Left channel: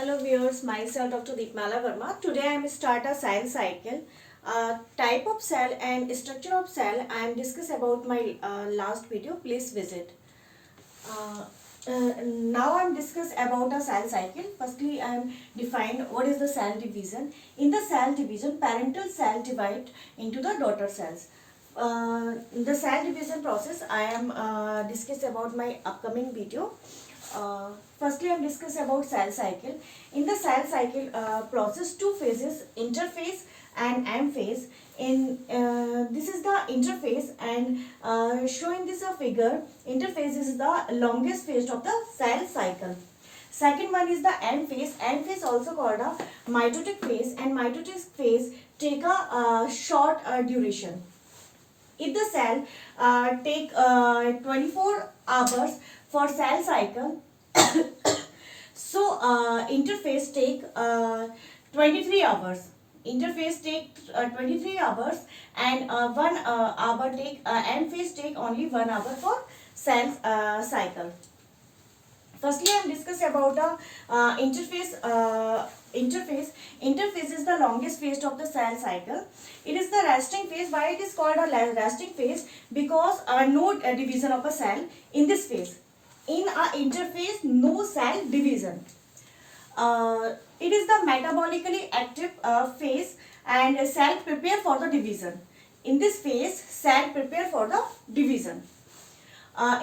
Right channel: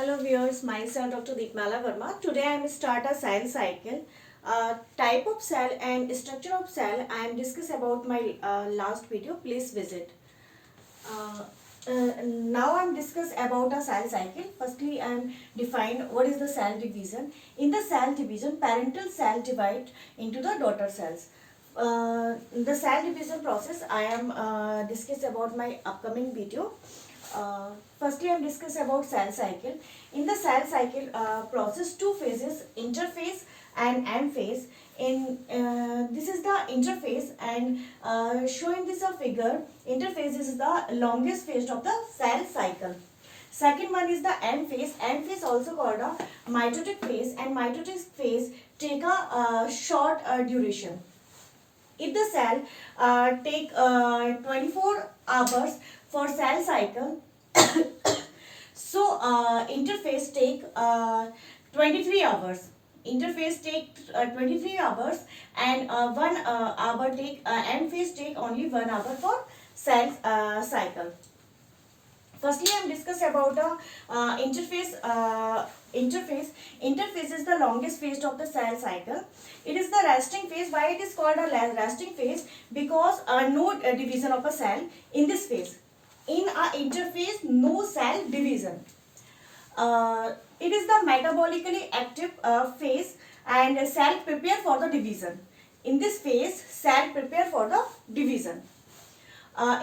Hello viewers, myself Dr. Deepmala Verma. Today I am start a cell cycle. Type of cell and structure of cell I am discuss about my last video. Please visit. Uh, Now I am discuss about a cell cycle. Firstly, I am define what is the cell division. In the cell division, parental cell divide into the daughter cells. The cell division process I am discuss about my upcoming video. Firstly, I am discuss about cell cycle. In the cell cycle process, two phases, interphase and M phase. In this is the interphase, and showing this a figure. Interphase is the longest phase of the cell cycle. Second one is the M phase. M phase also called a mitotic phase, and mitotic phase take a short duration. If the cell take 24 hours for cell cycle, so interphase take 23 hours. Interphase take 23 hours, and 1 hour take M phase take only 1 hour for cell cycle. Firstly, I am discuss about the interphase. Interphase is the longest phase of the cell cycle. It is the resting phase. Why it is called a resting phase? Because no division of a cell in this phase. In a interphase, no cell division. It is the metabolically active phase, and cell prepare for the division. In this phase, cell prepare for the division.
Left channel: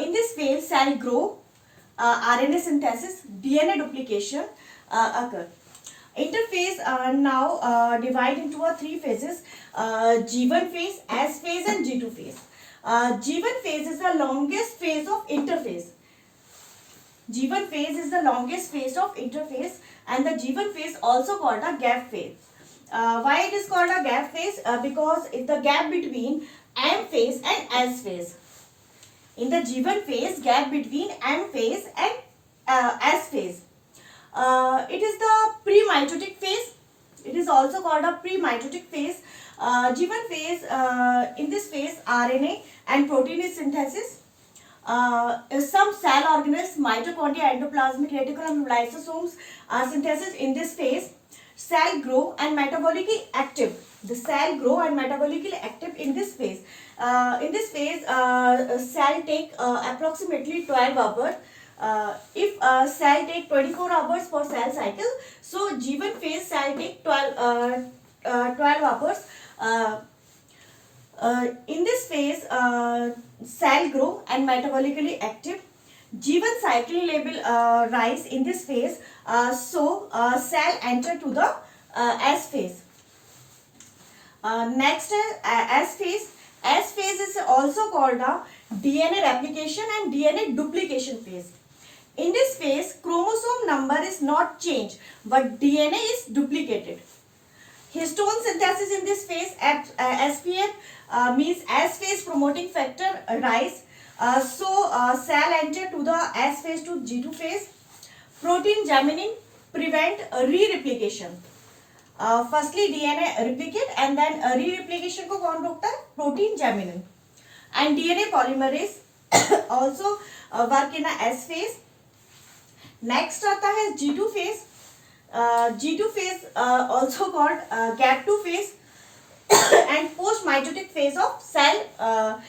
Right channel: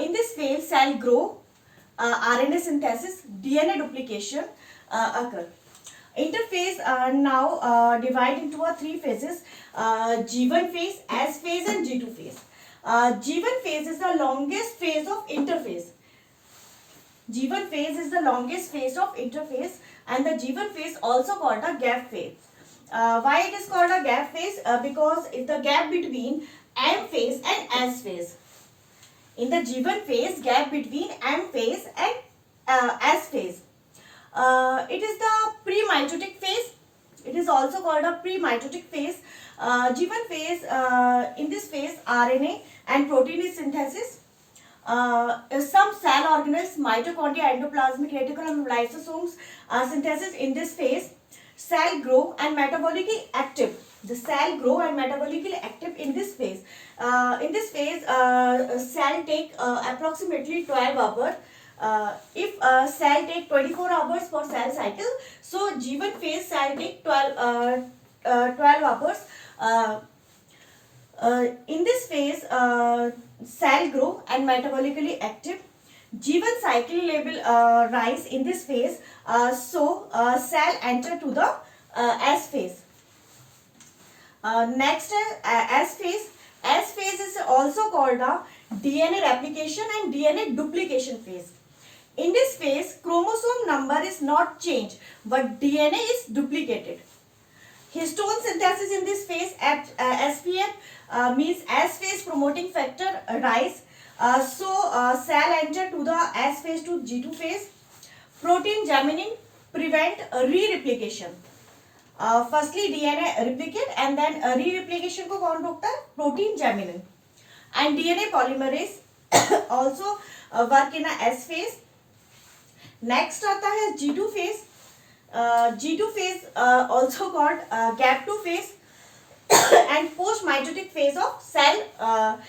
In this phase, cell grow, RNA synthesis, DNA duplication occur. Interphase now divide into three phases: G1 phase, S phase, and G2 phase. G1 phase is the longest phase of interphase. G1 phase is the longest phase of interphase, and the G1 phase also called a gap phase. Why it is called a gap phase? Because it's the gap between M phase and S phase. In the G1 phase, gap between M phase and S phase. It is the pre-mitotic phase. It is also called a pre-mitotic phase. G1 phase, in this phase, RNA and protein is synthesis. Some cell organelles, mitochondria, endoplasmic reticulum, lysosomes are synthesis in this phase. Cell grow and metabolically active. The cell grow and metabolically active in this phase. In this phase, cell take approximately 12 hours. If cell take 24 hours for cell cycle, so G1 phase cell take 12 hours. In this phase, cell grow and metabolically active. G1 cycling level rise in this phase, so cell enter to the S phase. Next, S phase. S phase is also called a DNA replication and DNA duplication phase. In this phase, chromosome number is not changed, but DNA is duplicated. Histone synthesis in this phase at SPF means S phase promoting factor rise. So cell enter to the S phase to G2 phase. Protein jamming prevent re-replication. Firstly DNA replicate, and then re-replication को कौन रोकता है? Protein jamming. And DNA polymerase also work in a S phase. Next आता है G2 phase. G2 phase also called gap 2 phase and post mitotic phase of cell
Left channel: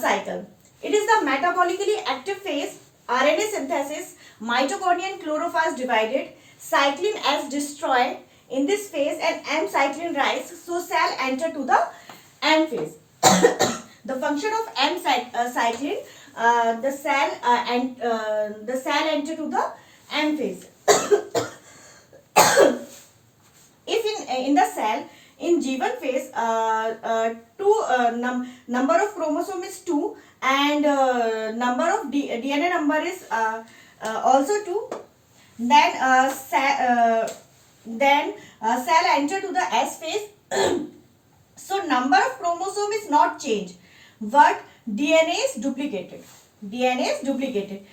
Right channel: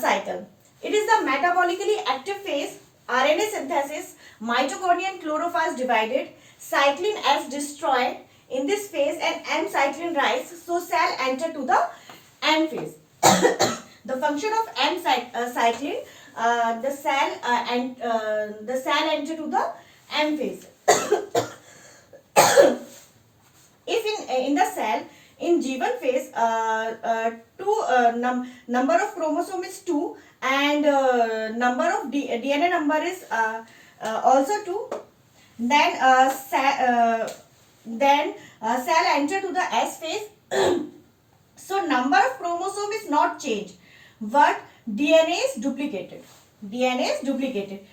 cycle. It is the metabolically active phase. RNA synthesis, mitochondria and chlorophyll divided, cyclin S destroyed in this phase, and M cyclin rise, so cell enter to the M phase. The function of M cyclin, the cell enter to the M phase. If in the cell in G1 phase, number of chromosome is 2, and number of DNA number is also 2. Then cell enter to the S phase. So number of chromosome is not changed, but DNA is duplicated. DNA is duplicated.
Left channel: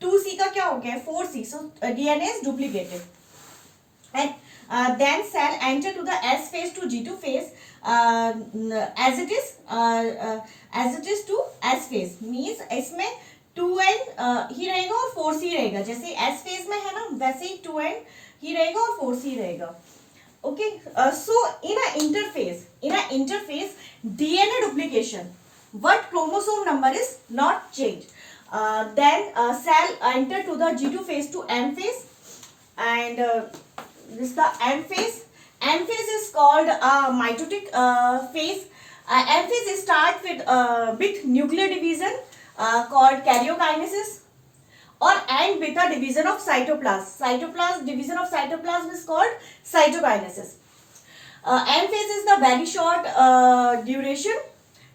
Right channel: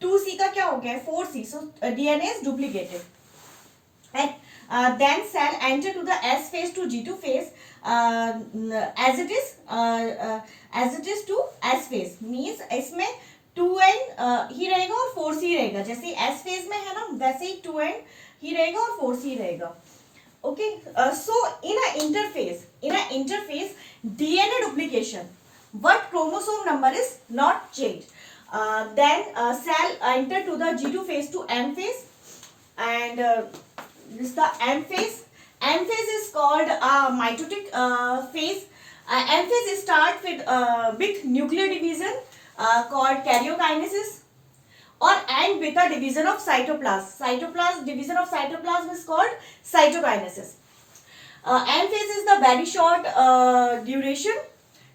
2C का क्या हो गया? 4C. So DNA is duplicated. And then cell enter to the S phase to G2 phase as it is to S phase. Means इसमें 2n ही रहेगा और 4c रहेगा. जैसे S phase में है ना, वैसे ही 2n ही रहेगा और 4 C रहेगा. Okay, so in a interphase DNA duplication, what chromosome number is not changed. Then cell enter to the G2 phase to M phase, and this is the M phase. M phase is called mitotic phase. M phase start with nuclear division called karyokinesis, or end with a division of cytoplasm. Division of cytoplasm is called cytokinesis. M phase is the very short duration.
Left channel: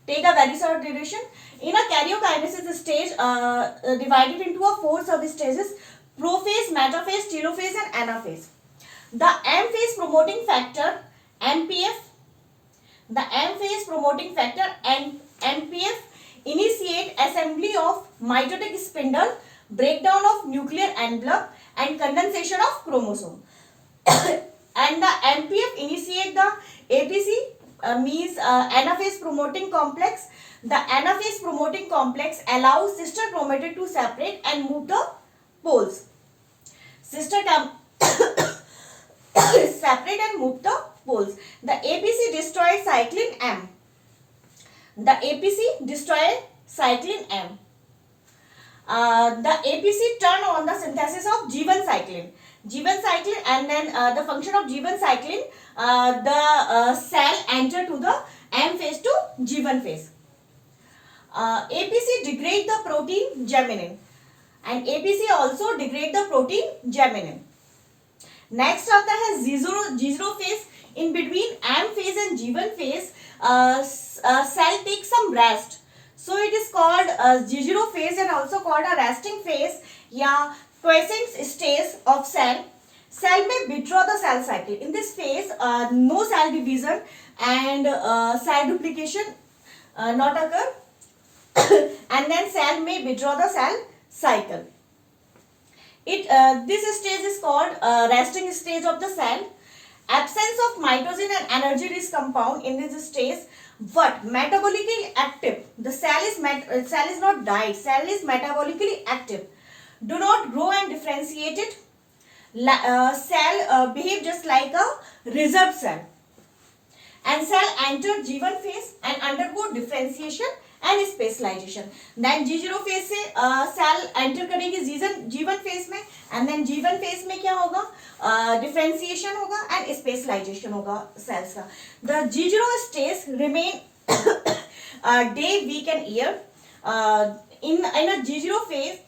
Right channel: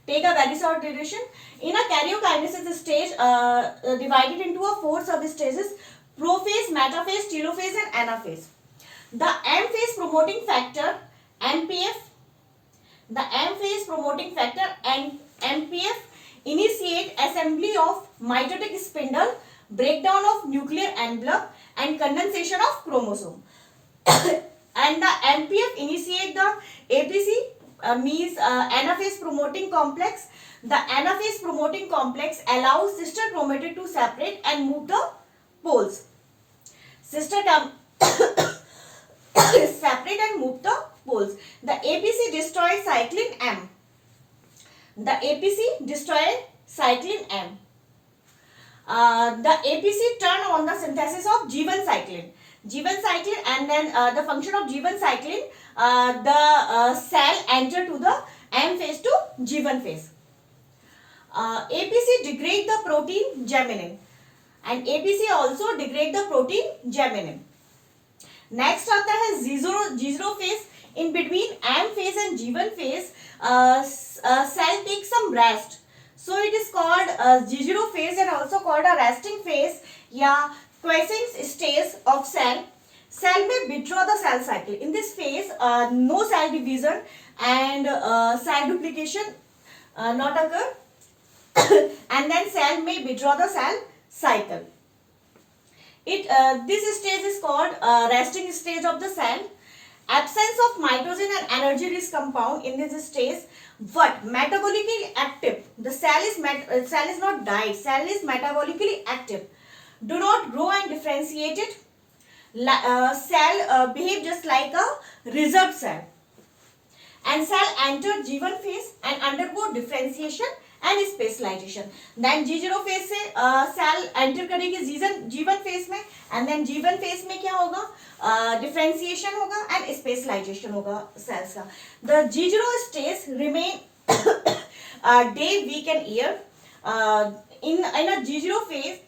Take a very short duration. In a karyokinesis stage, divided into a 4 substages: prophase, metaphase, telophase, and anaphase. The M phase promoting factor MPF. The M phase promoting factor MPF initiate assembly of mitotic spindle, breakdown of nuclear envelope, and condensation of chromosome. And the MPF initiate the APC, means anaphase promoting complex. The anaphase promoting complex allows sister chromatid to separate and move the poles. Sister separate and move the poles. The APC destroys cyclin M. The APC destroys cyclin M. The APC turn on the synthesis of G1 cyclin. G1 cyclin, and then the function of G1 cyclin, the cell enter to the M phase to G1 phase. APC degrade the protein germinin, and APC also degrade the protein germinin. Next आता है G0 phase. In between M phase and G1 phase, cell takes some rest. So it is called G0 phase, and also called a resting phase या quiescent stage of cell. Cell may withdraw the cell cycle. In this phase, no cell division and cell duplication not occur, and then cell may withdraw the cell cycle. This stage is called resting stage of the cell. Absence of mitosin and energy rich compound in this stage. What? Metabolically active. The cell is not died. Cell is metabolically active. Do not grow and differentiate it. Cell behave just like a reserved cell. And cell enter G1 phase and undergo differentiation and specialization. Then G0 phase से cell enter करेगी G1 phase में, and then G1 phase में क्या होगा? Differentiation होगा and specialization होगा cells का. The G0 stage remain day, week and year. In a G0 phase,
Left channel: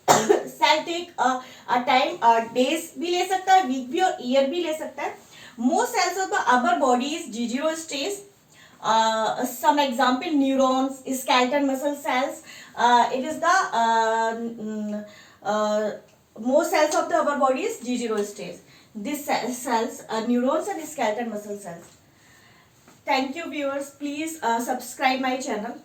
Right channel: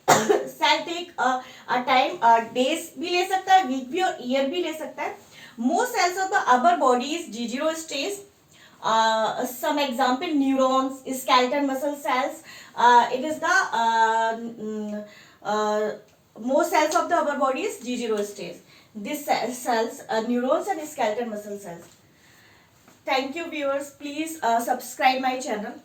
cell take a time, days भी ले सकता है, week भी और year भी ले सकता है. Most cells of the upper body is G0 stage. Some example: neurons, skeletal muscle cells. It is the most cells of the upper body is G0 stage. These cells, neurons and skeletal muscle cells. Thank you, viewers. Please subscribe my channel.